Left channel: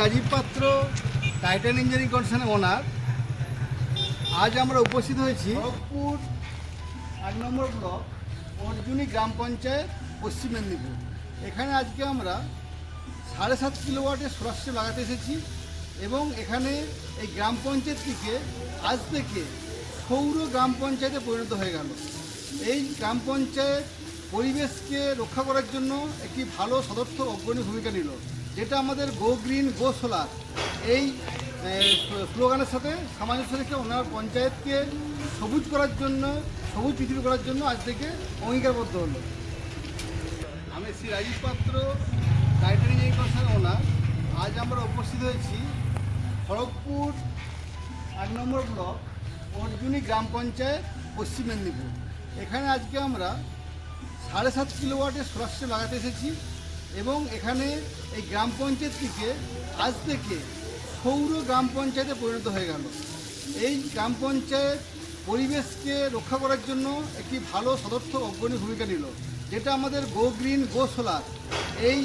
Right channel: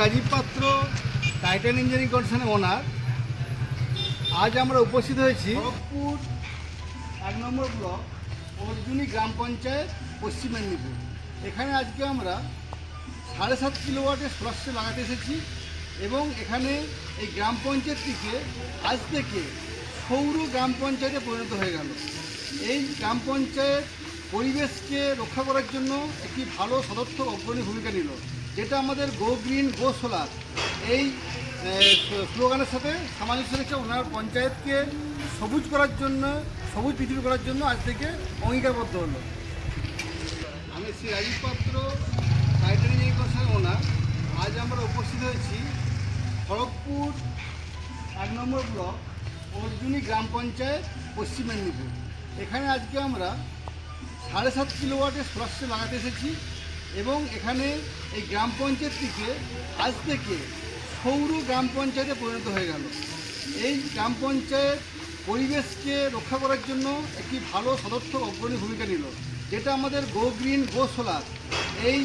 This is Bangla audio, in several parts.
রাজীব পাত্র, টাইটান ইঞ্জিনিয়ারিং কনসার্নের ওনার। আজ আমরা উপস্থিত হয়েছি খড়গপুর 1 নম্বর ব্লক অর্জুনী গ্রাম পঞ্চায়েত, পশ্চিম মেদিনীপুর। এখানে আজকে আমরা 7.5 কিলোওয়াটের সোলার সিস্টেম লাগাতে এসেছি এবং এখানে এই গ্রাম পঞ্চায়েতটিকে আজ থেকে সৌর গ্রাম পঞ্চায়েতে পরিণত হয়ে গেল। এই গ্রাম পঞ্চায়েত পরিবেশকে রক্ষা করার জন্য একটি ভালো সদর্থক অগ্রণী ভূমিকা নিল, যেটা আমাদের গো গ্রিন গো সোলার এই স্লোগানের সাথে সামঞ্জস্য রেখে ওনার পঞ্চায়েতকে সবুজ করার জন্য, সবুজ পৃথিবী করার জন্য আজ থেকে অঙ্গীকারবদ্ধ হলো। আমি শ্রী রাজীব পাত্র, টাইটান ইঞ্জিনিয়ারিং কনসার্নের ওনার। আজ আমরা উপস্থিত হয়েছি খড়গপুর 1 নম্বর ব্লক অর্জুনী গ্রাম পঞ্চায়েত, পশ্চিম মেদিনীপুর। এখানে আজকে আমরা 7.5 কিলোওয়াটের সোলার সিস্টেম লাগাতে এসেছি এবং এখানে এই গ্রাম পঞ্চায়েতটিকে আজ থেকে সৌর গ্রাম পঞ্চায়েতে পরিণত হয়ে গেল। এই গ্রাম পঞ্চায়েত পরিবেশকে রক্ষা করার জন্য একটি ভালো সদর্থক অগ্রণী ভূমিকা নিল, যেটা আমাদের গো গ্রিন গো সোলার এই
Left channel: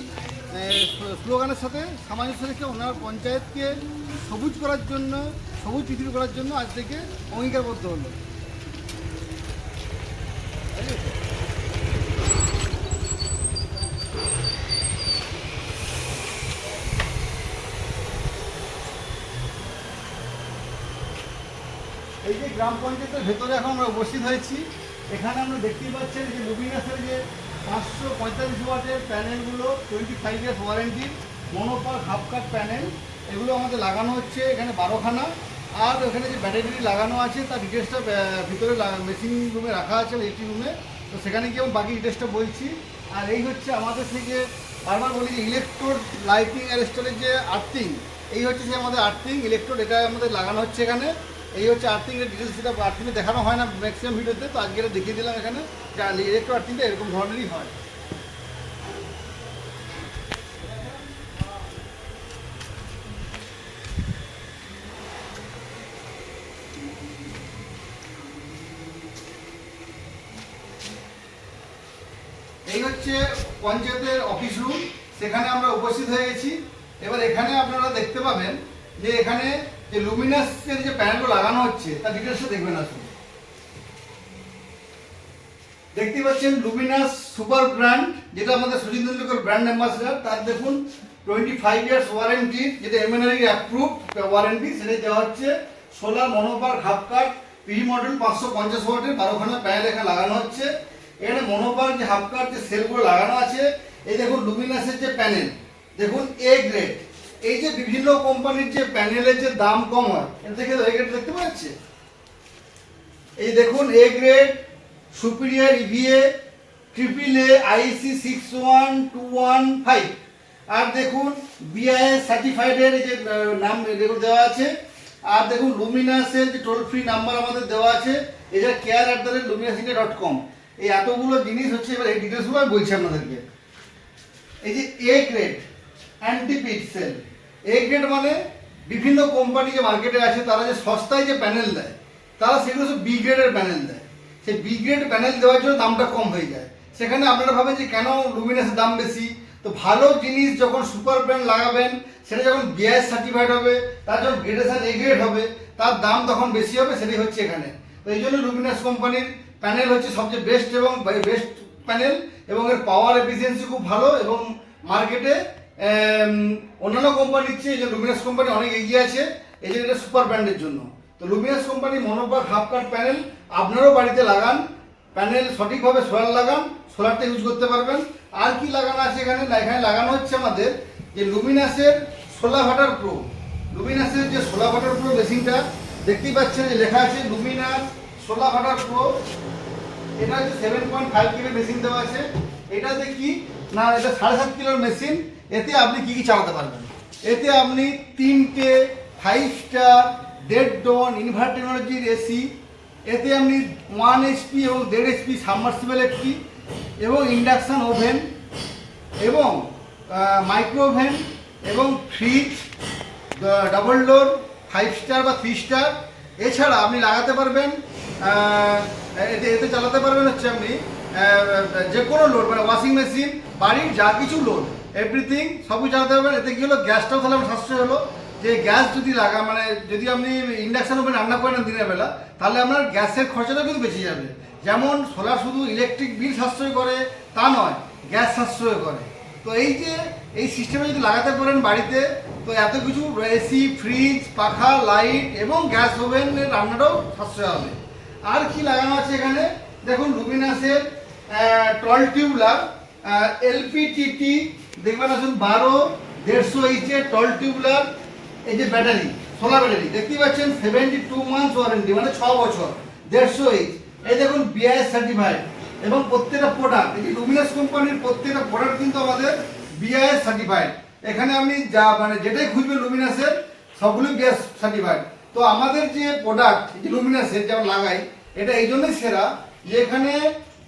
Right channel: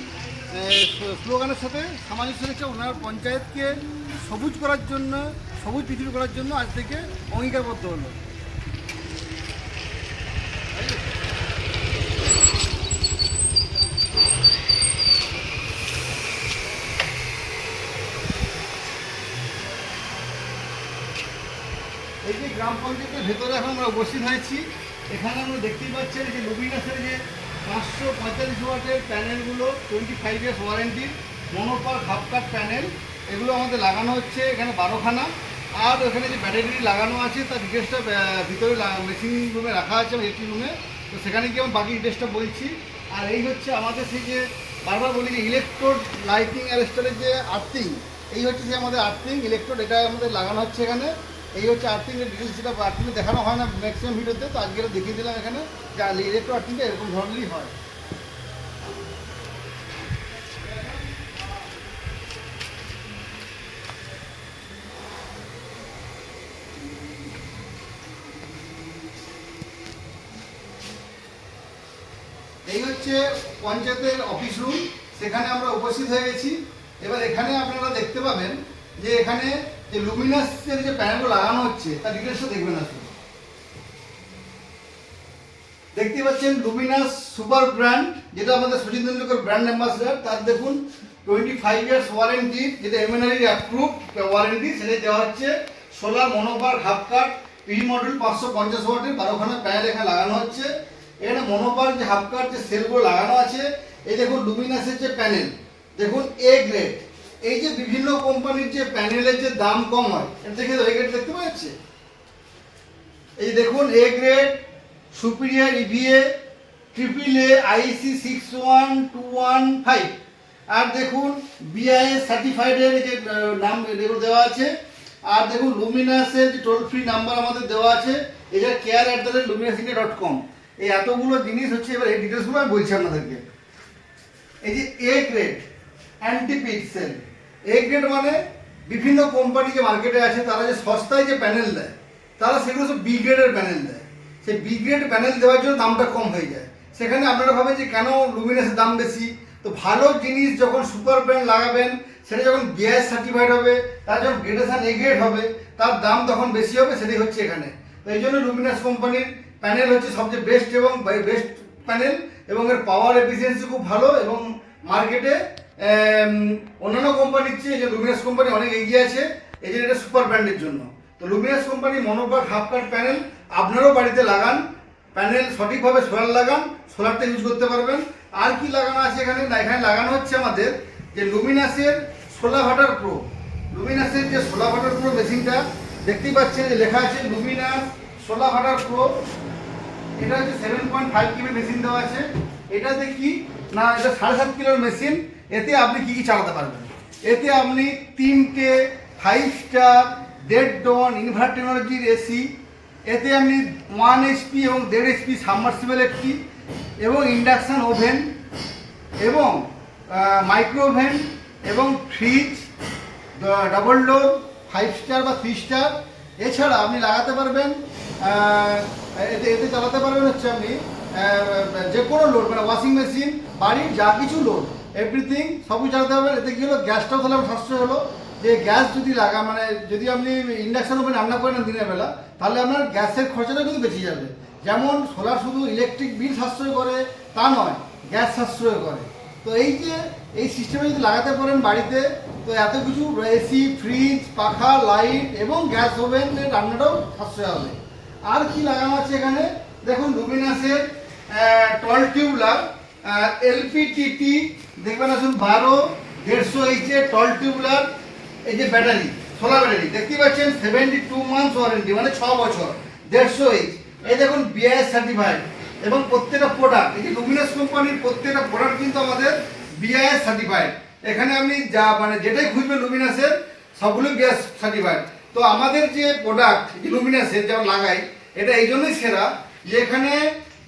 স্লোগানের সাথে সামঞ্জস্য রেখে ওনার পঞ্চায়েতকে সবুজ করার জন্য, সবুজ পৃথিবী করার জন্য আজ থেকে অঙ্গীকারবদ্ধ হলো। এই যে গ্রাম পঞ্চায়েতের ভেতরে এখন আমরা উপস্থিত হয়েছি, এখানে আমরা দেখতেই পাচ্ছেন যে লুমিনাসের যে 545 ওয়াটের প্যানেলগুলো 25 ইয়ার্স ওয়ারেন্টির মনোপার হাফ কাট প্যানেল, এগুলো আমাদের লাগানো হচ্ছে এখানে 12খানা। আর ওখানে যে ব্যাটারি লাগানো আছে তার ডিটেলসটা ভিতরে মেশিন রুমে রাখা আছে, ইলেকট্রিক রুমে, তো সেখানে গিয়ে আমি বাকি ডিটেলসটা বলছি। আর এই হচ্ছে আমাদের সেই যে বারবার বলি যে ইলেকট্রোড লাইটিং আর স্টোরেজ যে আর্থিং, এই হচ্ছে যে আমাদের আর্থিং ইলেকট্রোড, এটা আমাদের লাগানো হচ্ছে এখানে। এই হচ্ছে আর্থিংয়ের ডিটেলস, যেটা আর্থিংয়ে দেখানো হয় না ম্যাক্সিমাম ভিডিওতে, তো আজকে এটা দেখিয়ে দিলাম এখানে যে ইলেকট্রো আর্থিংটা এরকম ধরনেরই হয়। এই হচ্ছে পঞ্চায়েতের অফিস রুম, সেখানে আমরা উপস্থিত হয়ে গেছি। এবার এখানে আপনারা দেখতে পাবেন যে এখানে যে লুমিনাসের যে প্যানেলগুলো লাগানো হচ্ছে তার ডিটেলসটা দেখবেন। আসলে দেখতে পাচ্ছেন লুমিনাস সুপার ব্র্যান্ড, যেটা আমাদের সচিন তেন্ডুলকর ব্র্যান্ড অ্যাম্বাসেডার। তার দেখুন 25 ইয়ার্স ওয়ারেন্টি, যেটা এমএনআরই অ্যাপ্রুভ ওয়ারেন্টি, সেটা দেওয়া হচ্ছে। Solar mono PERC half cut P model 550 ওয়াটের 12খানা প্যানেল এখানে লাগানো হচ্ছে। এখানে মনোপার যে হাফ কাট যে সেলগুলো লাগানো আছে, এই দেখুন লুমিনাসের যে প্যানেল, দেখুন এ গ্রেড। এই যে বিভিন্ন কোম্পানির যে প্যানেলের যে দাম কম হয়, এটা দেখে এ গ্রেড দেখতে পাওয়া যাচ্ছে। এই দেখুন A grade, superior EVA, AAA IEC 61215। আর দেখুন বিআইএস সার্টিফাইডের যে নাম এগুলো দেওয়া আছে। আর দেখুন লুমিনাসের যে টোল ফ্রি নাম্বার আমাদের দেওয়া আছে, এটা care@luminasindia.com। এই এতগুলো জিনিস হচ্ছে। এবার এই ডিটেলসগুলো আমি বলছি আপনাদেরকে। এই যে A grade anti pixel, A grade মানে বিভিন্ন কোম্পানি যে মার্কেটে আছে তারা যে সস্তায় যে প্যানেল দেয়, তারা সেগুলো সব বি গ্রেডের প্যানেল দেয়। সেই বি গ্রেড প্যানেল দেওয়ার জন্য দামটা কম হয়ে যায়। সেখানে আপনারা ভাবেন যে কেন লুমিনাসের দাম বেশি। তো ভালো জিনিস যখন সুপার ব্র্যান্ড লাগাবেন, সেটা যখন বিআইএস সার্টিফাইড হবে, তার যখন গ্রেডেশন এ গ্রেড হবে, তার দাম তখন বেশি হবে। সেটাই হচ্ছে এখানে। তো এই জন্য লুমিনাস কোম্পানির প্যানেল হচ্ছে সবচেয়ে বেস্ট এবং বেস্ট প্যানেল, এবং এর পাওয়ার এফিসিয়েন্সি খুব ভালো, এবং মার্কেটে অন্যান্য কোম্পানির চেয়ে যে লুমিনাস কোম্পানি অনেক এগিয়ে আছে, এই জন্য এটা সুপার ব্র্যান্ডের জন্য। তো Luminous company mono PERC half cut panel আপনারাও বাড়িতে লাগান, প্যানেল সঠিকভাবে সোলার লাগান, সোলারটা ইউজ করতে পারবেন। আর কি লাগানো আছে এখানে, না এখানে লাগানো হচ্ছে আমাদের যে লুমিনাসের সোলার ওয়াটার প্রো। লুমিনাসের যে সোলার ওয়াটার প্রো মেশিনটা দেখতেই পাচ্ছেন যে লেখা আছে লুমিনাস সোলার ওয়াটার প্রো। এটা হচ্ছে 7.5 KB মেশিন দেওয়া আছে। এটাতে কি না, এটা 7.5 কিলোর মেশিন। এতে আপনি কি কি চালাতে পারবেন, এতে আপনি 3টে 5 স্টার 1.5 টন ইনভার্টার টেকনোলজির এসি, এতে আপনি 1 HP এবং 1.5 HP সাবমার্সিবল একটি, এবং ইন্ডাকশান ওভেন, এবং মাইক্রো ওভেন, এবং ফ্রিজ, ডাবল ডোর 5 স্টার বা 3 স্টার। এছাড়া আপনি লাগাতে পারবেন, এতে চালাতে পারবেন হচ্ছে আপনি যে কোনো লোড, মানে ওয়াশিং মেশিন, বাড়ির যা কিছু লোড এভরিথিং সবই চালাতে পারবেন। এতে কি হলো, গ্যাসটাও তাহলে আমার সাশ্রয় হলো। যে গ্যাস যদি লাগা মানে যদি আপনি ইন্ডাকশন ওভেন রান্না করেন দিনের বেলা, তাহলে আপনার গ্যাসের খরচাটাও কিন্তু বেঁচে যাবে। যেমন সোলার শুধু ইলেকট্রিক বিল সাশ্রয় করে তা নয়, গ্যাস সাশ্রয় করে। তো এই যে এই সিস্টেমে যদি লাগাতে পারেন বাড়িতে, তো এত কিছু এসি, ফ্রিজ, পাখা, লাইট এবং গ্যাস ওভেনের রান্নাটাও সাশ্রয় হবে। আর কি লাগানো আছে এখানে দেখুন, লুমিনাসের টল টিউবলার এলপিটিটি দেখবেন আসুন 12 150 টল টিউবলার। এই যে ব্যাটারি, সোলার ব্যাটারি দেখতে পাচ্ছেন, 72 মান্থস ওয়ারেন্টি, মানে 6 বছর, 150 এই দেখুন বিআইএস সার্টিফাইড। এবং প্রত্যেকটা প্রোডাক্ট, এই যে লুমিনাস কোম্পানির প্রত্যেকটা প্রোডাক্ট কিন্তু আমাদের বিআইএস সার্টিফাইড। এখানে আপনি যা মানে যেটাই খুঁজবেন লুমিনাসের সবগুলো বিআইএস সার্টিফাইড। তো আমাদের যে প্রোডাক্ট লুমিনাসের যেমন লাগাই, এটা এই জন্যই সেরা যে এখানে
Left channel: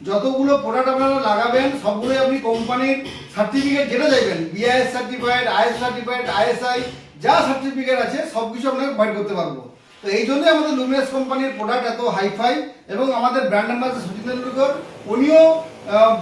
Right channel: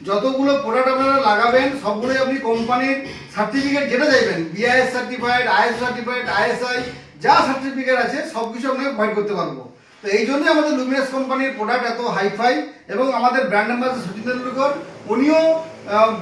যতগুলো প্রোডাক্ট আপনারা লাগাবেন সবগুলোই আপনি কোম্পানির সার্টিফিকেট যেটা চাইবেন, BIS certified, is certified, ISI যা সার্টিফিকেট আছে সব কিছু আপনাকে প্রোভাইড করতে পারবো। তো এই জন্যই আমাদের লুমিনাস কোম্পানির প্রোডাক্ট এত হাইফাই। এবং আমাদের ব্র্যান্ড অ্যাম্বাসেডর সচিন তেন্ডুলকর, উনিও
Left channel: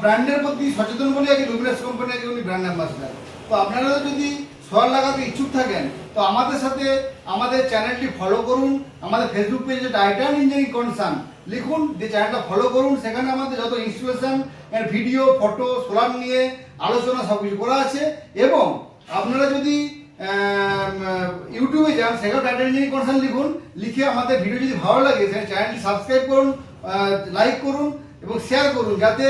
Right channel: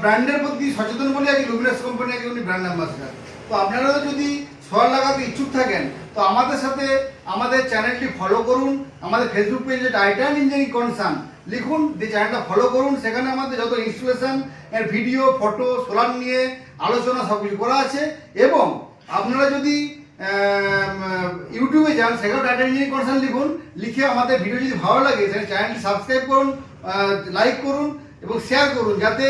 ব্র্যান্ডের প্রতি সচেতন বলে আজকে লুমিনাস কোম্পানি আজকে উনি ব্র্যান্ড অ্যাম্বাসেডর। তো আপনারাও যদি সোলার লাগাতে ইচ্ছুক থাকেন, তো আমাদের সাথে আমাদের চ্যানেলটি ফলো করুন। আমাদের ফেসবুক পেজে টাইটান ইঞ্জিনিয়ারিং কনসার্ন লিখুন, যে চ্যানেলটা ফলো করুন। সেখানে আমাদের যত ইনস্টলেশন এর ভিডিও, ফটো, সোলার নিয়ে আলোচনা সব কিছু করা আছে। এবং আপনারা যদি ইউটিউবে যান, সেখানে টাইটান ইঞ্জিনিয়ারিং কনসার্ন লিখুন, লিখে আমাদের ভিডিও যদি ভালো লাগে সেখানে চ্যানেলটি সাবস্ক্রাইব করুন, লাইক করুন এবং শেয়ার করুন, যাতে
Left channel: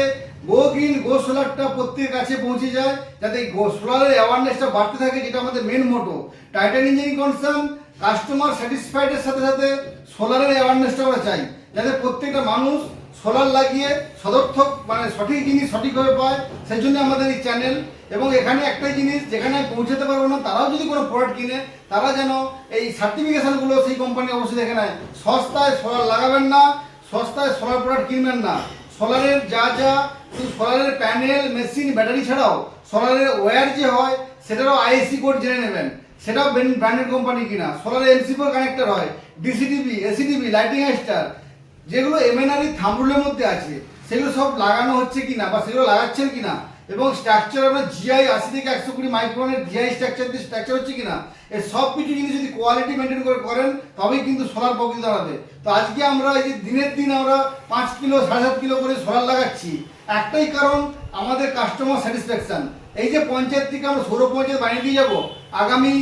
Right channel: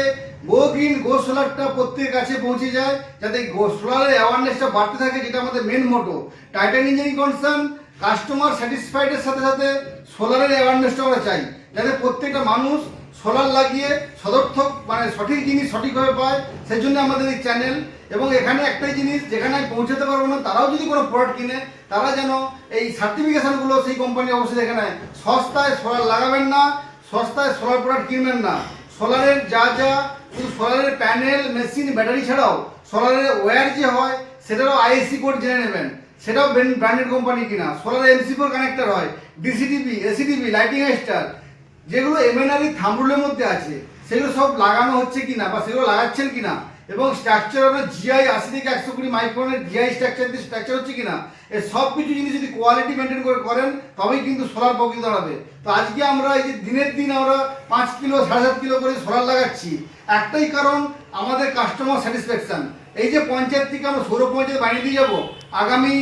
গো গ্রিন গো সোলারটা প্রত্যেকের কাছে পৌঁছে যায়, যাতে গো সোলারের অ্যাওয়ারনেসটা বাড়তে থাকে, যেটা আমাদের মেন মোটো। টাইটান ইঞ্জিনিয়ারিং কনসার্ন কাস্টমার স্যাটিসফাইডের সাথে সাথে সোলারের অ্যাওয়ারনেসটা আমরা চাই, যাতে প্রত্যেকটা মানুষ সোলার লাগিয়ে সদর্থক মানে সঠিক জিনিস সঠিকভাবে পায়। সেই জন্য আমাদের এই চ্যানেল। এবং এখানে একটাই জিনিস, যেখানে পৌঁছাতে পারবো না তারাও যদি কোনো প্রোডাক্ট কিনে, তারা যেন এই সার্টিফিকেশনগুলো সেই কোম্পানি অবশ্যই দেখে নেয়। সস্তায় সোলার লাগাবেন না, সস্তায় সোলার প্রোডাক্ট কিনবেন না। সোলারের যা সোলারের প্যানেল, মেশিন, ব্যাটারি ছাড়াও সোলারের ওয়্যার যে হয় সেটারও আইএসসি কোড জেনে নেবেন, সেটাও ব্র্যান্ডেড কোম্পানি কিনা। সোলারের MC4 কানেক্টর হয়, ডিসিটিভি, এসিটিভি, লাইটিং স্টার, যেগুলো এমএনআরই থাম্বরুলের মধ্যে আছে, সেগুলো সব লাগানো হচ্ছে কিনা বা সেগুলো লাগাচ্ছেন কিনা। এবং স্ট্রাকচার আপনার জিআই 80 থেকে 120 মাইক্রনের জিআই স্ট্রাকচার হচ্ছে কিনা, এই সব কিছু জিনিস যদি কোয়ালিটি মেনটেন করে করেন তবেই কিন্তু সোলার প্রকৃত দাঁড়াবে। তো আজকে আমরা এই যে দিনের দিন আমরা 5 কিলো 7.5 কিলো করে সোলার লাগাচ্ছি, একটাই কারণ আমাদের কাস্টমার স্যাটিসফ্যাকশন। এই যে পঞ্চায়েত থেকে আমরা সৌর পঞ্চায়েত বানিয়ে দিয়ে যাবো, আগামী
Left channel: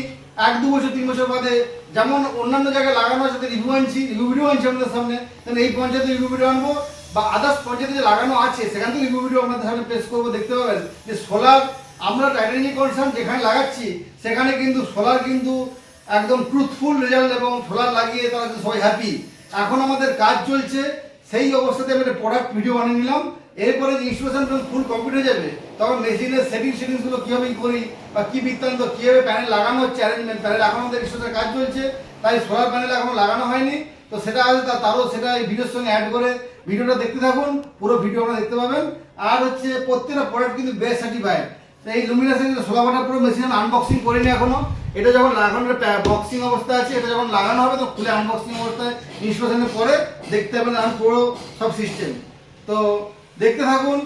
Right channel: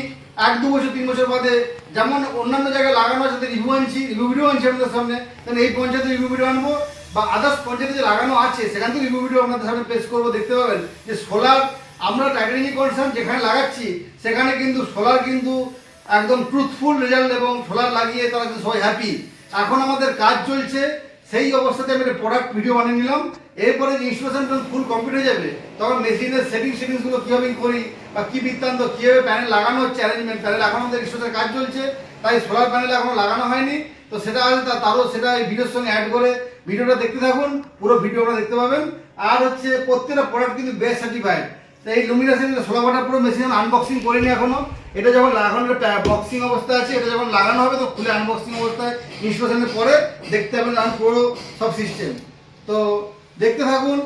1-2 বছর 3 বছর বাদে যেমন অন্যান্য জায়গায় লাগানো আছে রিভিউ ভিডিও আনছি আমাদের সামনে, তাহলে এই পঞ্চায়েতে রিভিউ ভিডিও আনবো, বা আদার্স পঞ্চায়েতে যে লাগানো আছে সেখান থেকে রিভিউ ভিডিও আপনাদের সামনে পেশ করবো। দেখতে পাবেন যে সোলার আমরা টাইটান ইঞ্জিনিয়ারিং কনসার্ন যেখানে লাগাচ্ছি সেখানে কিন্তু সোলার কিন্তু একদম ট্রুথফুল রেজাল্ট, এবং সোলার লাগিয়ে তারা কিন্তু সবাই হ্যাপি। এখন আমাদের কাজ চলছে, সেই অবস্থাতে আমি একটা প্রোডাক্ট ভিডিও বানিয়ে নিলাম। এরপরে যে ইনস্টলেশন ফুল কমপ্লিট হয়ে যাবে, তখন মেশিনের সেটিংসগুলো কীভাবে করি বা কী বৃত্তান্ত, কীভাবে প্যানেল লাগানো হচ্ছে, অ্যারেঞ্জমেন্ট প্যানেল এখন আমাদের ইনস্টলেশনের কাজ চলছে, তাই সোলার প্যানেল এখনো লাগানো হয়নি। তো সেটা আছে, তারও সেটা এই ভিডিওর সঙ্গে অ্যাড করে ভিডিওটা দেখতে থাকুন, পুরো ভিডিও আপনারা দেখতে পাবেন। আর হচ্ছে প্রত্যেকটা প্রোডাক্ট কিন্তু বেস্ট সার্টিফাইড। এই লুমিনাসের 16 ওয়াটের পুরো মেশিন আনবক্সিং করিনি এখনো। এটা যখন লাগানো বক্সিং অবস্থা আছে, এটা যখন লাগানো হবে তো খুলে আনবক্সিং অবস্থায় ইনস্টলেশনের পরে দেখতে পাবেন আমি পুরো সব সিস্টেম। তো দেখতে থাকুন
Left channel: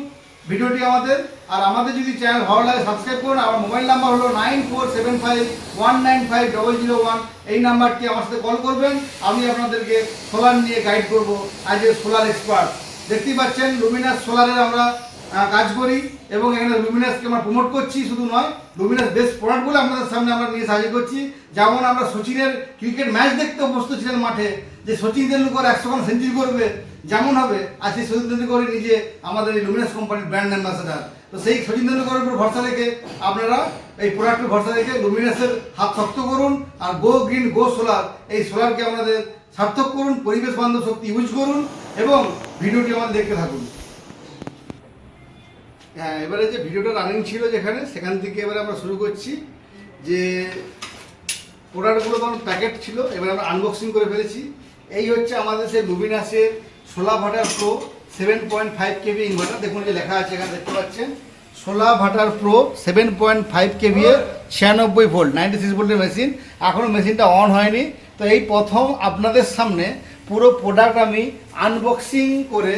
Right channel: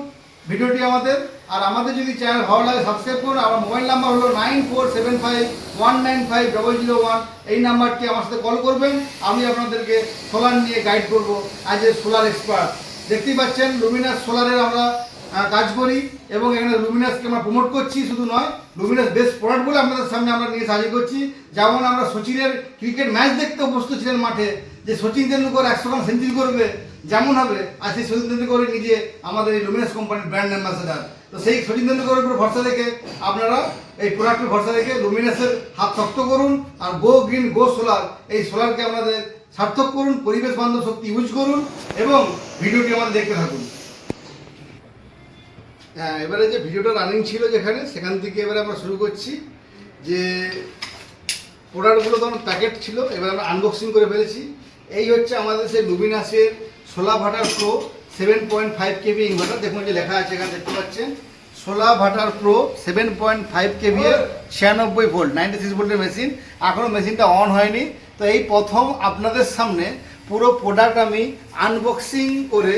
ভিডিওটি আমাদের। আর আমাদের যদি চ্যানেল ভালো লাগে সাবস্ক্রাইব করুন। আমার মোবাইল নাম্বার হলো 9475195001। এই নাম্বারটি আমার সাথে কল করবেন, আমি আপনাদেরকে সোলার নিয়ে গাইড করব আজ এ সোলার এক্সপার্ট। দেখতেই পাচ্ছেন লুমিনাস সোলারের আমরা কাজ করি, এবং এখানে লুমিনাসকে আমরা প্রমোট করছি। শুধু নয়, লুমিনাস বেস্ট প্রোডাক্টগুলো আপনাদের সামনে আমরা নিয়ে সাহায্য করছি। যেমন আমরা সচিনের ক্রিকেট ম্যাচ দেখতে অভ্যস্ত ছিলেন মাঠে, যে সচিন তেন্ডুলকর 100 রান সেঞ্চুরি করবে যেমন হবে, আর সেই সচিন তেন্ডুলকর নিজে আমাদের এই লুমিনাস কোম্পানির ব্র্যান্ড অ্যাম্বাসেডার। তো সেই সচিন তেন্ডুলকরের উপর ভরসা রেখে আপনারা এই প্রোডাক্টের ভরসা রেখে লুমিনাসের হাত শক্ত করুন। আর গো গ্রিন গো সোলার, এই সোলারকে আপনাদের সার্থক করুন, পরিবেশ বান্ধব শক্তি ইউজ করুন, এবং ভিডিওটি আমাদের দেখতে থাকুন। হ্যাঁ, এবারে যে ভিডিওটা রানিং ছিল যেখানে, সেখান থেকে এবারে আমরা শুরু করছি। যে প্রোডাক্টগুলো তখন প্যাকেট ছিল, এবারে আমরা আনবক্সিং করে ফেলেছি। এই হচ্ছে আমাদের সেই লুমিনাসের সোলার ভাটার প্রো 7.5 কেভি ইনভার্টার। দেখুন যে লেখা আছে এখানে, দেখতে পাচ্ছেন সোলার ভাটার প্রো 7.5 কেভি এর 96 ভোল্ট 96 ভোল্টের মেশিন। এখনও মেশিনটা অন হয়নি। তো এই প্রথম আপনাদের সামনে পুরো প্রোডাক্ট আমি আনবক্সিং করে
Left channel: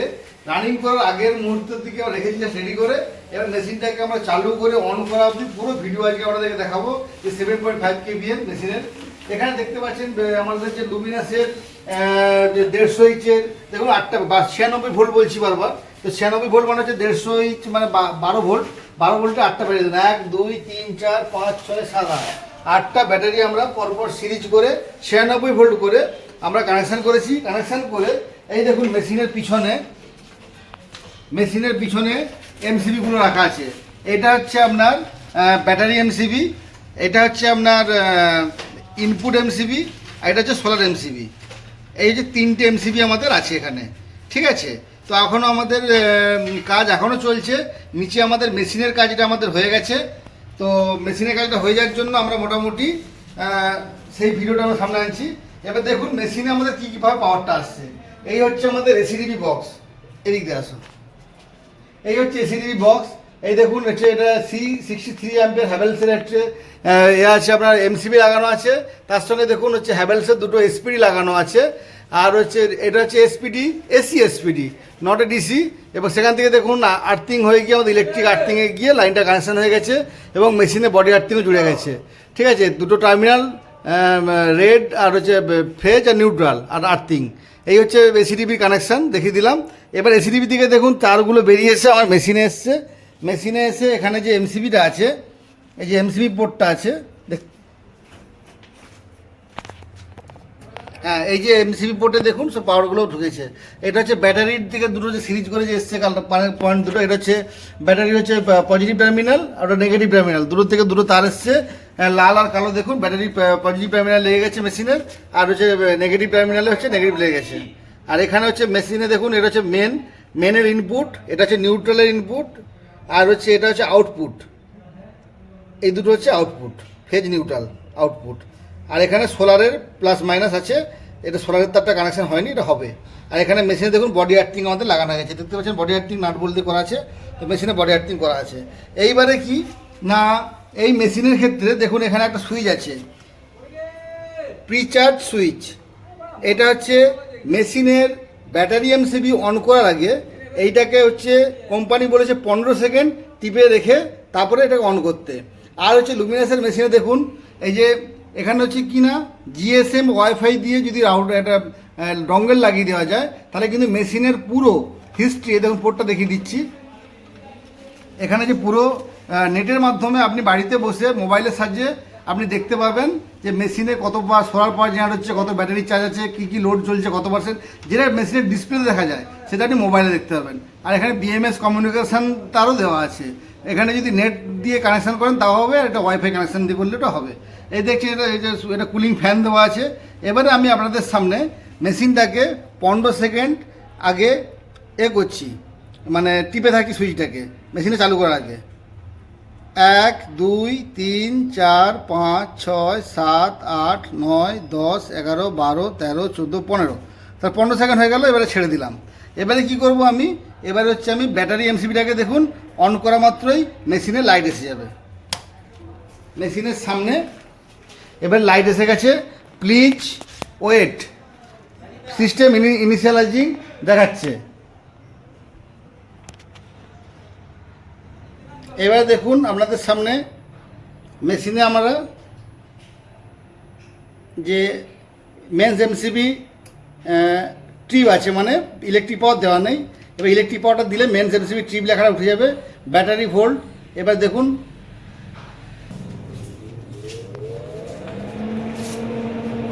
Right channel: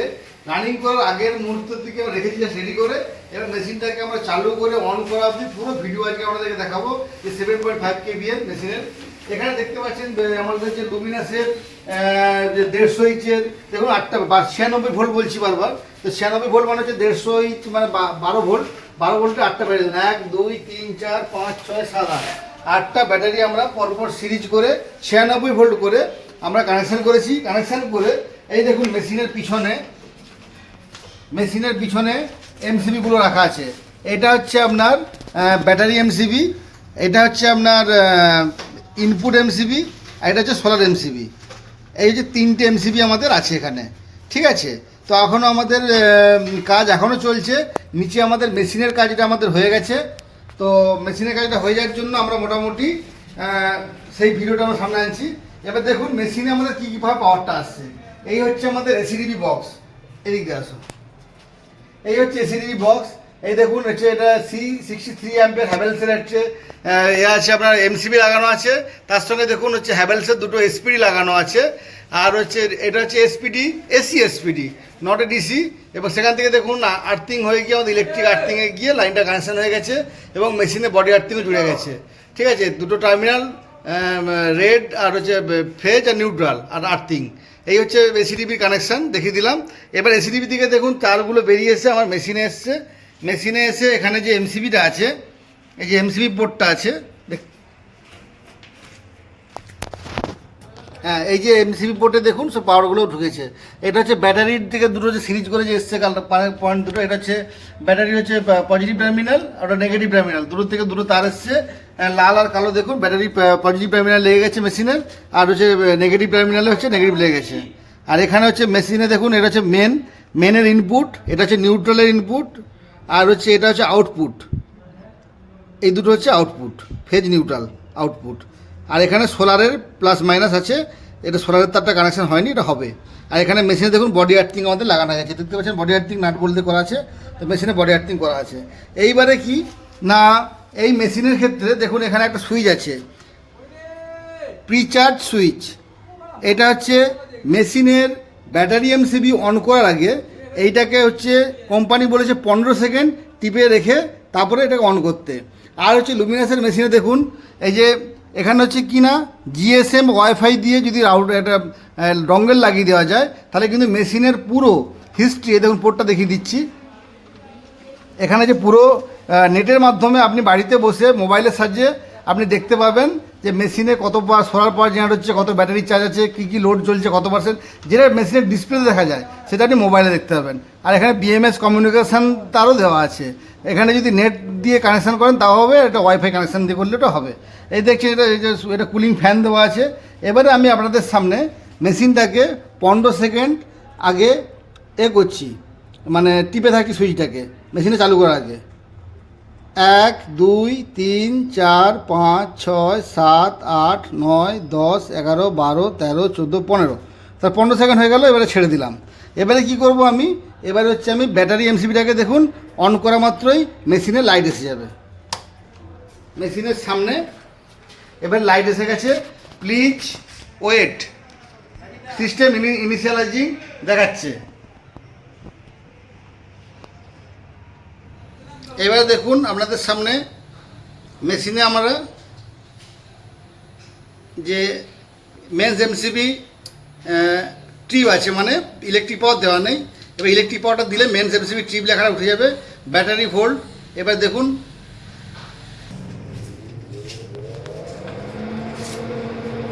রানিং করার আগের মুহূর্ত থেকে রেখেছি রেডি করে, এবার মেশিনটাকে আমরা চালু করে অন করা অবধি পুরো ভিডিও আজকে আপনাদেরকে দেখাবো যে 7.5 kVA মেশিনের। এখানে দেখতে পাচ্ছেন আমাদের যে লুমিনাসের যে 150 ইঞ্চের দেখুন 8টা 96 ভোল্ট বলছি বারবার, তো 96 ভোল্ট মানে হচ্ছে 150 ইঞ্চ মানে 12 ভোল্ট, 12 ভোল্টে 8টা ব্যাটারি, 1 2 3 4 5 6 7 8টা ব্যাটারি আমরা পরপর সিরিজ করে 96 ভোল্ট করে আমরা কানেকশান করেছি। কানেকশান করে এই দেখুন মেশিনের পিছনে এমসিবিগুলো রাখা আছে। এটা হচ্ছে আপনার ব্যাটারি এমসিবি, এটা হচ্ছে আপনার ইনপুট এমসিবি, এটা হচ্ছে সোলার এমসিবি। এই যে 3টে এমসিবি আমাদের আছে এখানে, ঠিক আছে। তো এখনও আমাদের কাজ এখনও চলছে, নিচে আমাদের মেশিনের কাজটা আমাদের হয়ে গেছে। তো মেশিনের কাজটা হয়ে যাওয়ার জন্য আমরা মোটামুটি সেই ভিডিওটা আমরা সামনে আনছি। এবার দেখুন মেশিনে আমাদের কী কীভাবে পাওয়ারটা আসছে। এই হচ্ছে আমাদের এসিডিবি বক্স, এদিক দিয়ে আসুন। এই হচ্ছে এসিডিবি বক্স, এই দেখুন হচ্ছে এটা C63 অ্যাম্পিয়ার হ্যাভেলসের হচ্ছে এ আছে আপনার এমসিবি লাগানো আছে, তার সঙ্গে দেখুন হচ্ছে হ্যাভেলসের দুটো এসপিডি লাগানো আছে, আর হচ্ছে এটা হচ্ছে SPD, AC SPD, not a DC. এবং সেখান থেকে দেখুন আর্থিং হয়ে গিয়ে আমাদের ইলেকট্রিক আর্থিংয়ে গিয়ে লাইনটা কানেকশন হয়ে গেছে এবং মেশিনে বডি আর্থিংও জুড়ে গেছে, ঠিক আছে। দুটো টার্মিনাল রেড আর হচ্ছে ফেজ আর নিউট্রাল আর আর্থিং, এই হচ্ছে এসিডিবির কানেকশান দেখিয়ে দিলাম। এবার এসিডিবি থেকে দেখুন তারগুলো বেরিয়ে এসে আমার মেশিনে এসছে। মেশিনে এসে এখানে যে এমসিবিটা আছে, এই যে এমসিবি পোর্টটা আছে, হ্যাঁ এই যে এমসিবি পোর্টে দেখুন সব পাওয়ারগুলোও ঢুকেছে। এটা হচ্ছে ব্যাটারির থেকে দুটো যে সিরিজ করে যে এসছে পয়েন্ট দুটো, এটা হচ্ছে ব্যাটারি হচ্ছে পজিটিভ টার্মিনাল আর ওটা নেগেটিভ টার্মিনাল, দুটো থেকে দুটো তার এসছে লাল আর কালো। দেখুন ব্যাটারি পজিটিভ টার্মিনাল লেগে গেছে মেশিনের, আর হচ্ছে নেগেটিভ টার্মিনালে হচ্ছে নেগেটিভ লেগে গেছে। আর এখানে হচ্ছে মেশিনে দেখুন এটা হচ্ছে মেনের ইনপুট, এটা হচ্ছে নিউট্রালের ইনপুট, আর হচ্ছে এটা হচ্ছে আউটপুট। এই দুটো হচ্ছে আউটপুট, ফেজ নিউট্রাল আউটপুট। আর এখানে সোলারের প্লাস মাইনাস আছে, এটা সোলারের তারটা কানেকশন হয়নি, এটা হবে। আর এখানে মেশিনে দেখুন বডি আর্থিং আমাদের লাগানো গেছে, দেখতে পাচ্ছেন বডি আর্থিং নাট বলতে করা আছে, তো মেশিনে বডি আর্থিং করা আছে। এইবারে কি না এই মেশিনের ক্ষেত্রে দেখুন এখানে একটা সুইচ আছে, প্রিচার্জ সুইচ। এটা হচ্ছে মেশিনের ব্যাটারি এমসিবি অন করার আগে এইটাকে হচ্ছে কোম্পানি বলেছে 15 সেকেন্ড টিপে রেখে তারপরে এটাকে অন করতে। আর হচ্ছে লুমিনাসের মেশিনে দেখুন এই যে এখানে হচ্ছে কি না জিএসএম ওয়াইফাই দিয়ে যদি একটা ডঙ্গেল লাগিয়ে দেওয়া যায় তাহলে কিন্তু মেশিনের পুরো হিস্ট্রি, দেখুন পোর্টটা দেখিয়ে দিচ্ছি, এখানে যে পুরো নেটের মাধ্যমে আপনি বাড়িতে বসে মোবাইলের সাহায্যে আপনি দেখতে পাবেন যে মেশিনে কত সোলার পাওয়ার জেনারেট হচ্ছে, কত ব্যাটারি চার্জ আছে, কী কী লোড চলছে, কত পার্সেন্ট, যেটা মেশিনের ডিসপ্লে দেখা যায় সেটা আপনি মোবাইলে দেখতে পাবেন। আর এখানে বিএমএস কমিউনিকেশান তারও দেওয়া আছে। এখানে যদি নেট দিয়ে কানেকশান করেন তাও হবে, এটা ওয়াইফাই কানেকশান দিয়ে করলে ওটা হবে। এই দেখছি এটা কুলিং ফ্যান দেওয়া আছে। এবারে আমি আপনাদের সামনে মেশিনটাকে 15 সেকেন্ড আগে করছি, মানে টিপে থাকি সুইচটাকে মেশিনে চালু করার আগে। 1 2 3 4 5 6 7 8 9 10 11 12 13 14 15, তার 15 সেকেন্ড হয়ে গেল। এবারে ছেড়ে দিলাম। এবারে কি করব আমি, এবারে হচ্ছে আমি ব্যাটারি এমসিবিটাকে দেখুন অন করা মাত্রই মেশিনে লাইট এসে যাবে, মেশিনের সামনে এবার লাইট এসে গেছে। প্লিজ ওয়েট, সিস্টেম ইনিশিয়ালাইজিং দেখাচ্ছে। এবার দেখুন আপনাদের সামনে মেশিনে আমরা যে মেন্স এমসিবি ট্রিপ আছে, মানে ইলেকট্রিক পাওয়ার দেওয়া নেই। এবার ইলেকট্রিক পাওয়ারটা দিলে মেন্স এমসিবি ট্রিপ লেখাটা উঠে যাবে, ব্যাটারি ভোল্ট। এবার দেখুন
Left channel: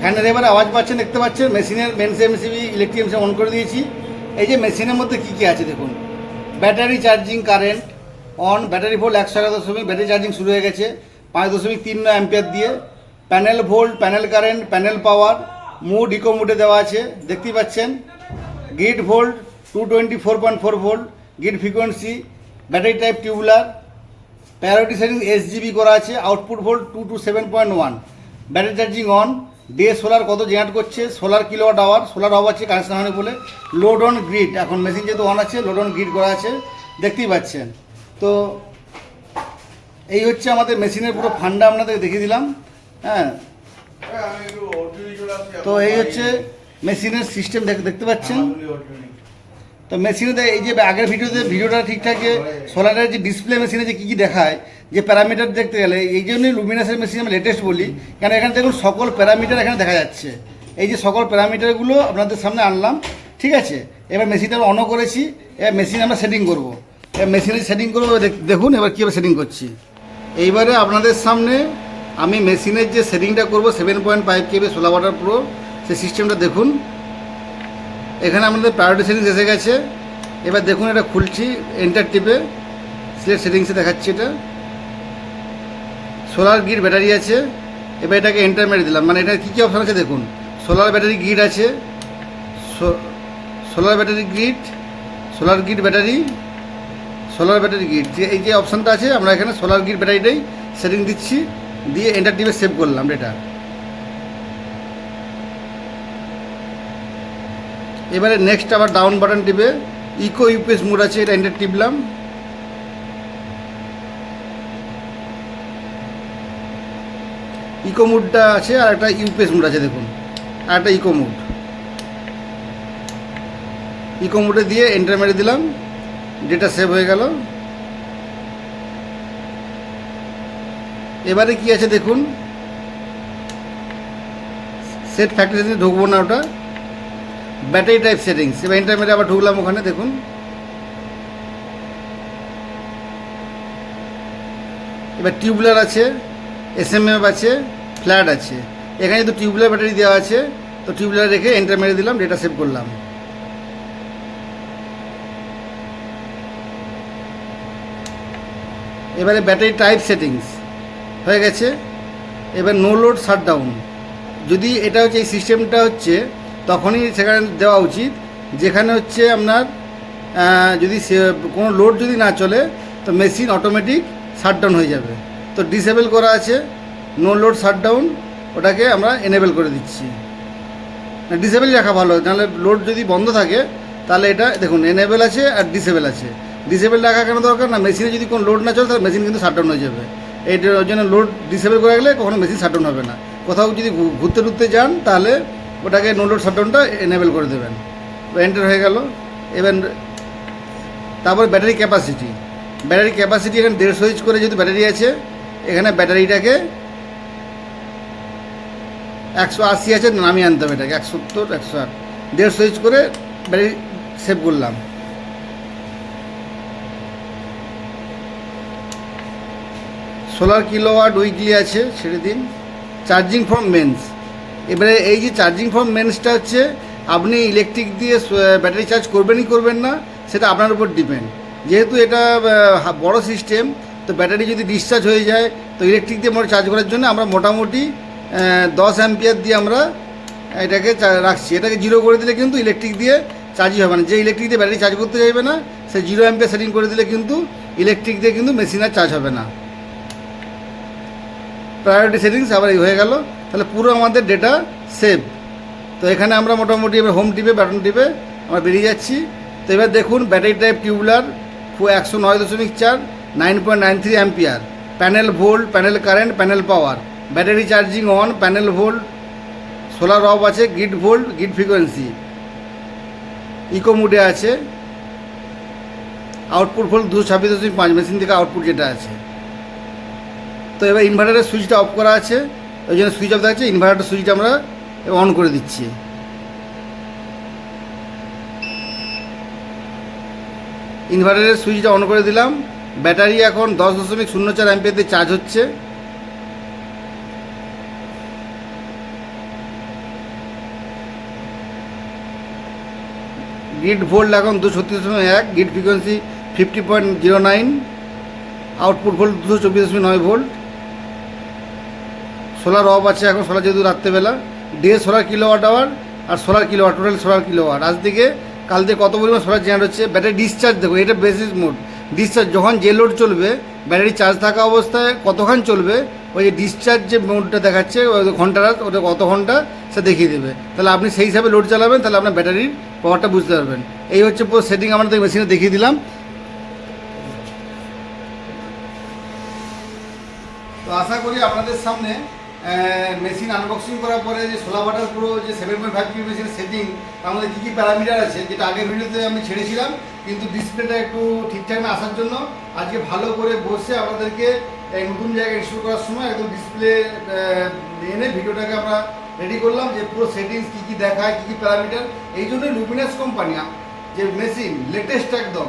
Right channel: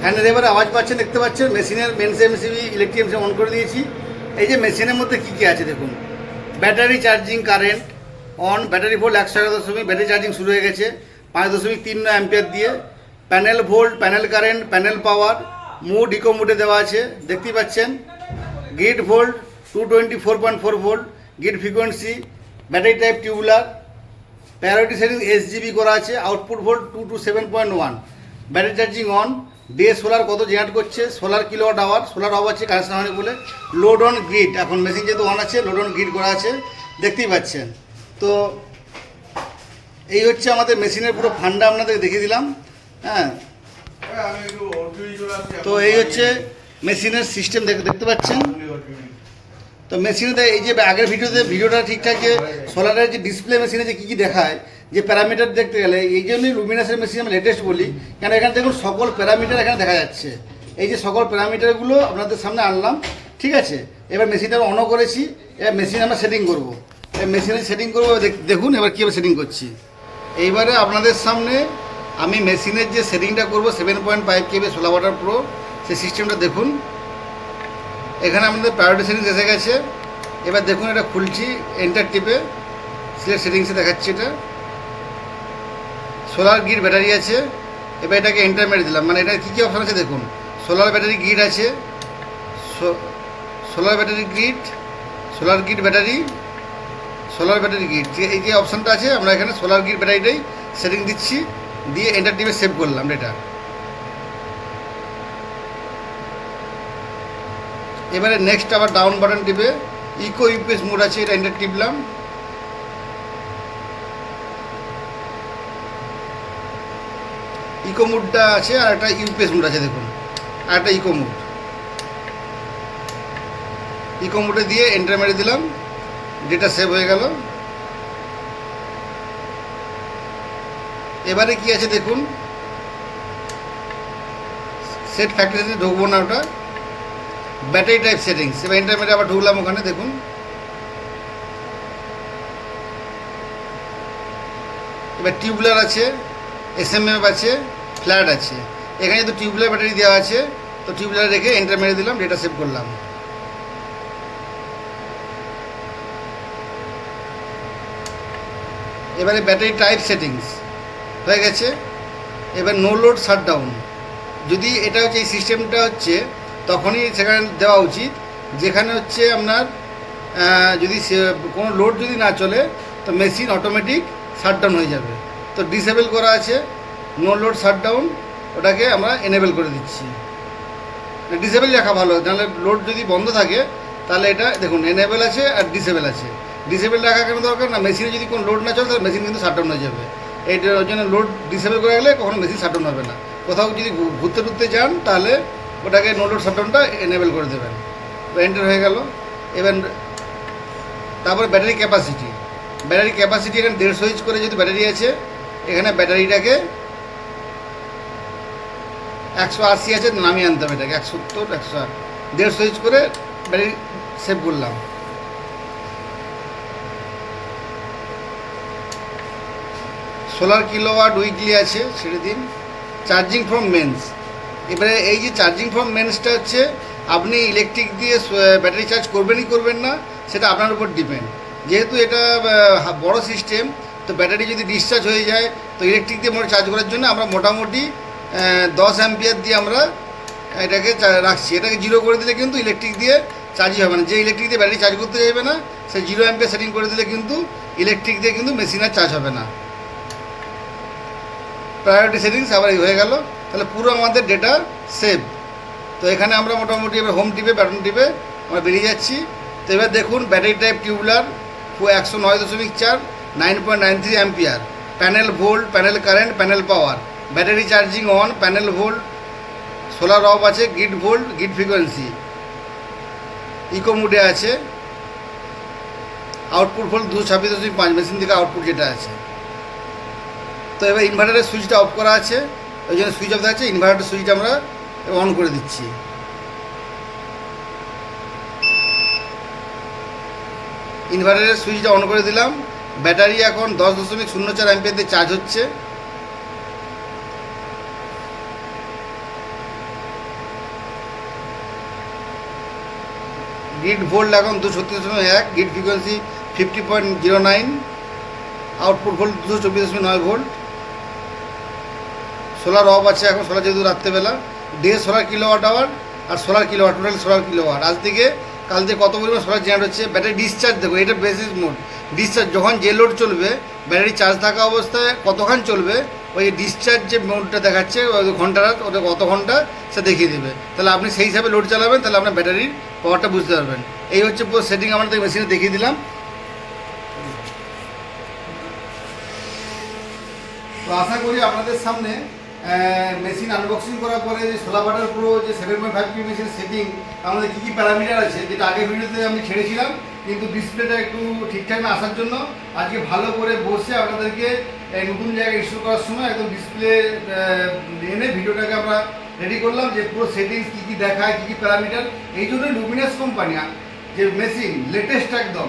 ফ্যানের এবার আওয়াজ পাচ্ছেন, দেখতে পাচ্ছেন মেশিনের mains MCB electric MCB on করে দিয়েছি। এই যে মেশিনের মধ্যে কী কী আছে দেখুন, battery charging current on, battery volt 111., battery charging শুরু হয়ে গেছে 5.39 অ্যাম্পিয়ার দিয়ে। Panel volt, panel current, panel power, mode eco মুডে দেওয়া আছে দেখতেই পাচ্ছেন। Grid volt 224.4 volt, grid frequency, battery type tubular, priority setting SGB করা আছে। Output volt 2 to 7.1, battery charging on. Day solar কত জেনারেট করছে, solar kilowatt hour, solar off আছে কানেকশন হয়নি বলে। লোড অন গ্রিড, এখন মেশিন যেহেতু অন আছে লোড অন গ্রিড করা আছে দেখতেই পাচ্ছেন। তো এই হচ্ছে আমাদের মেশিনের পুরো ফান্ডা আপনাদের দেখিয়ে দিলাম। হ্যাঁ, তো এই হচ্ছে মেশিনের সিস্টেম দেখতে পাচ্ছেন। তো মেশিনে এই যে আগের ভিডিওটা ঠিকঠাক যে সোলারের যে ডিসপ্লে মেশিনে যে কী কী দেখায় যে প্যারামিটার দেখতে গেলে, এই জন্যই লুমিনাসের মেশিন আমরা লেটেস্ট বলি, কেন এখানে দেখুন সকল প্যারামিটার এখানে দেখা যাচ্ছে। এই যে সকল প্যারামিটারগুলো আপনাদের সামনে আনলাম, ঠিক আছে। এবার মেশিনটা আমরা অনও করেছি, এবার মেশিন আমরা সেটিং করবো। এবার মেশিনে সেটিং করবো, দেখুন এবার কীভাবে সেটিং করছি। এইবারে আপনাদের সামনে আমি মেশিনের যে সেটিংটা করবো 7.5 KB 16 ওয়াটার প্রো, সেই সিস্টেমটা দেখুন। এখানে আমাদের প্রায়োরিটি সেটিংস এসে গেছে। এবার দেখুন এটা খুলছি, এন্টার টিপে সিলেক্ট সেটিংসে দেখাচ্ছি। এটা সোলার গ্রিড ব্যাটারি আছে, এবার এটাকে এন্টার মেরে দিলাম। মানে এটা কী কী অপশন আছে দেখুন, সোলার ব্যাটারি গ্রিড আছে, solar battery grid, solar grid battery, solar battery grid, এই যে অপশানটা আছে আমরা এখানে সোলার গ্রিড ব্যাটারিটাই সেটিং দিচ্ছি, দিয়ে এন্টার টিপে সেভ করলাম। এটা এবারে নেক্সট আবার ডাউন বাটন টিপে ইকো ইউপিএস মোড আছে, এটা এন্টার টিপলাম। ইকো মোডটা আছে আর একটা ইউপিএস মোড আছে, দেখুন আর একটা ইকো মোড। ইকো মোডে দিয়ে এন্টার মেরে দিলাম, ডেটা সেভ হয়ে গেল। এবারে কি আছে দেখুন, সেট ফ্যাক্টরি সেটিংস ঢুকবো না, ওটা ব্যাটারি টাইপ সেটিংস। এবার এন্টার মেরে আবার ঢুকলাম ওখানে, দেখুন এবার টিউবুলার আছে, এসএমএফ আছে, ফ্ল্যাট আছে। এখানে যদি টিউবুলার ব্যাটারি দেওয়া আছে তো টিউবুলার রেখে এন্টার মেরে দিলাম, ডেটা সেভ করলাম। এবারে ব্যাটারি টাইপ সেটিংস হয়ে গেছে। এবার নো লোড শাটডাউন, যদি এটা হচ্ছে এই সিস্টেমটা হচ্ছে তখনই সেখানে দেওয়া উচিত যেখানে হচ্ছে আপনার যদি কোনো লোড যদি না চলে তো মেশিন অটোমেটিক শাটডাউন হয়ে যাবে। তো ডিসেবল করা আছে নো লোড শাটডাউন, ওটাকে আমরা এনেবেল করে দিচ্ছি। ডিসেবল রাখা ভালো, নাহলে লোড যদি বন্ধ থাকে তাহলে এটা দেখুন এনেবেল আছে আর ডিসেবল আছে। ডিসেবল রাখা কেন দরকার না, মেশিনে যদি কোনো লোড না চলে তাহলে মেশিন কিন্তু শাটডাউন হয়ে যাবে। এইটার জন্য লোড ডিসেবল করে রাখলে কখনো মেশিন শাটডাউন হবে না। কোথাও যদি ঘুরতে টুরতে যান তাহলে ওটাকে নো লোড শাটডাউনটা এনেবেল করে দেবেন। এন্টার হয়ে গেল। এবার তারপরে ব্যাটারি ক্যাপাসিটি, এখানে 150 ইঞ্চ করে যেহেতু ব্যাটারি আছে, এখানে ব্যাটারিটাকে 180 আছে, নামিয়ে আনতে হবে এটাকে 170 108, 150 ইঞ্চ করে ব্যাটারি সেভ করলাম। সোলার কিলোওয়াট উইকলি আছে, ছেড়ে দিন। চার্জিং ফ্রম মেন্স, এবারে এই যে চার্জিং ফ্রম মেন্সটা হচ্ছে আপনি ইলেকট্রিক দিয়ে ব্যাটারি চার্জ করবেনই করবেন না, সেটা আপনার উপর ডিপেন্ড। যেহেতু এটা বড় সিস্টেম, তো ব্যাটারি যদি ডিসচার্জ হয়ে যায় তো ইলেকট্রিক দিয়ে আমরা চার্জ করার জন্য আমরা মোটামুটি 10 অ্যাম্পিয়ার দিয়ে আমরা এটাকে রাখছি। এটাকে 0 করে দিলে কিন্তু ইলেকট্রিক দিয়ে চার্জই হবে না। যে ইলেকট্রিক দিয়ে ব্যাটারি চার্জ করতে চাইবে না সে 0 অ্যাম্পিয়ার সেটিং করে দিলে কিন্তু ইলেকট্রিক দিয়ে কিন্তু মেশিন আর চার্জ হবে না। প্রায়োরিটি সেটিংস আবার এই হয়ে গেল, তাহলে পুরো আমাদের ডেটা সেভ। তো এখানে আমরা মোটামুটি এবার হোম টিপে বাটন টিপে আমরা বেরিয়ে যাচ্ছি। তো এবার দেখুন battery type tubular 109.4 9.93 ampere, panel volt, panel current, panel power, battery charging on, panel volt, solar off আছে, grid volt, grid frequency, eco মুডে আছে, আউটপুট ভোল্ট 226.5 মেশিন থেকে আউটপুট যেটা আছে। তো এবার ইনভার্টারের সুইচটা অফ করা আছে, ওই জন্য সুইচ অফ দেখাচ্ছে। ইনভার্টারের সুইচটা আমরা অন করে দিচ্ছি। ইনভার্টারের সুইচটা অন করে দিলাম। ব্যাটারি এখন 10.04 অ্যাম্পিয়ার দিয়ে চার্জ হচ্ছে। গ্রিড ভোল্ট এখন 236.1, grid frequency 50.09, output volt 224.9 volt. Solar off আছে এখন, সোলার যেহেতু রাত্রেবেলা। ডে সোলার কিলোওয়াট আওয়ার আর solar kilowatt, total solar kilowatt. আজ থেকে কাল থেকে কত পরিমাণ সোলার জেনারেট হচ্ছে। ব্যাটারি ডিসচার্জ দেখো, এটা বেসিস মোড। ডিসচার্জ যখন যে লোড চলবে ব্যাটারি চার্জ থাকা অবস্থায় কতক্ষণ চলবে, ওই যে ডিসচার্জ যে মোডটা দেখাচ্ছে ওই ঘন্টাটা, ওটা কত ঘন্টা সে দেখিয়ে দেবে। তাহলে আপনি সেই হিসাবে লোড চালাবেন, তাহলে আপনার ব্যাটারির পাওয়ারটা বুঝতে পারবেন। এই হচ্ছে পুরো সেটিং আমাদের মেশিনে দেখিয়ে দিলাম। তো আশা করি আপনাদের সামনে মেশিন আনবক্সিং করার পরে যে 16 ওয়াটের পুরো যে 7.5 পিএম মেশিন সেটিং আমাদের কী কী প্যারামিটার আছে, যেটা আগের ভিডিওতে আমি ছেড়েছিলাম, কিন্তু ডিসপ্লেটা একটু ঠিকঠাক না আসার জন্য আজকে ভালো করে বসে আপনাদেরকে নতুন জায়গায় ইনস্টল করার সময় একদম ডিসপ্লে এনে ভিডিওটাকে আমরা রেডি করলাম যে পুরো সেটিংস কী কী দেখায়, কী কী প্যারামিটার। এই জন্য লুমিনাস কোম্পানি যে মেশিন লেটেস্ট একদম,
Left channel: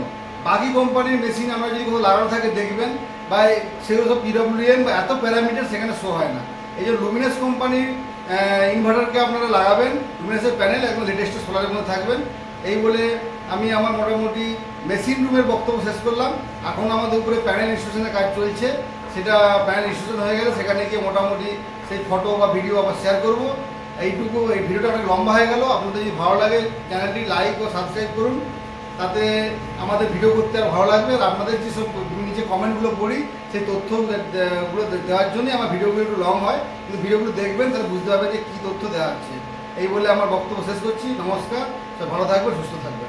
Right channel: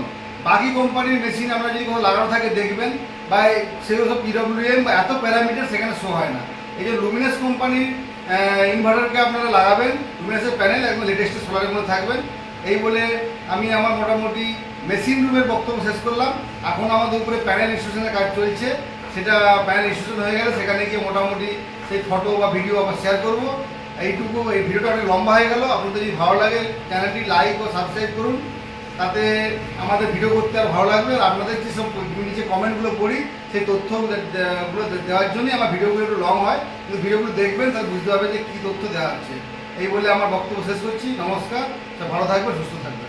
বাকি কোম্পানির মেশিন আমরা যদি কোনো লাগানো থাকে দেখবেন বা সেগুলো সব পিডব্লিউএম বা এত প্যারামিটার সেখানে শো হয় না। এই যে লুমিনাস কোম্পানির ইনভার্টারকে আপনারা লাগাবেন, লুমিনাসের প্যানেল একদম লেটেস্ট সোলারের মধ্যে থাকবেন। এই বলে আমি আমার মোটামুটি মেশিন রুমের বক্তব্য শেষ করলাম। এখন আমাদের উপরে প্যানেল ইনস্টলেশনের কাজ চলছে, সেটা প্যানেল ইনস্টলেশন হয়ে গেলে সেখানে গিয়ে মোটামুটি সেই ফটো বা ভিডিও আবার শেয়ার করবো। এইটুকু, এই ভিডিওটা অনেক লম্বা হয়ে গেল। আপনাদের যদি ভালো লাগে চ্যানেলটি লাইক ও সাবস্ক্রাইব করুন, তাতে আমাদের ভিডিও করতে আর ভালো লাগবে। আর আপনাদের যেসব নিচে কমেন্টগুলো পড়ি সেই তথ্যগুলো দেওয়ার জন্যই আমার ভিডিওগুলো একটু লং হয়, কিন্তু ভিডিওগুলো দেখবেন তাহলে বুঝতে পারবেন যে কী তথ্য দেওয়া হচ্ছে। এই বলে আমার বক্তব্য শেষ করছি। নমস্কার, সব ভালো থাকবেন, সুস্থ থাকবেন।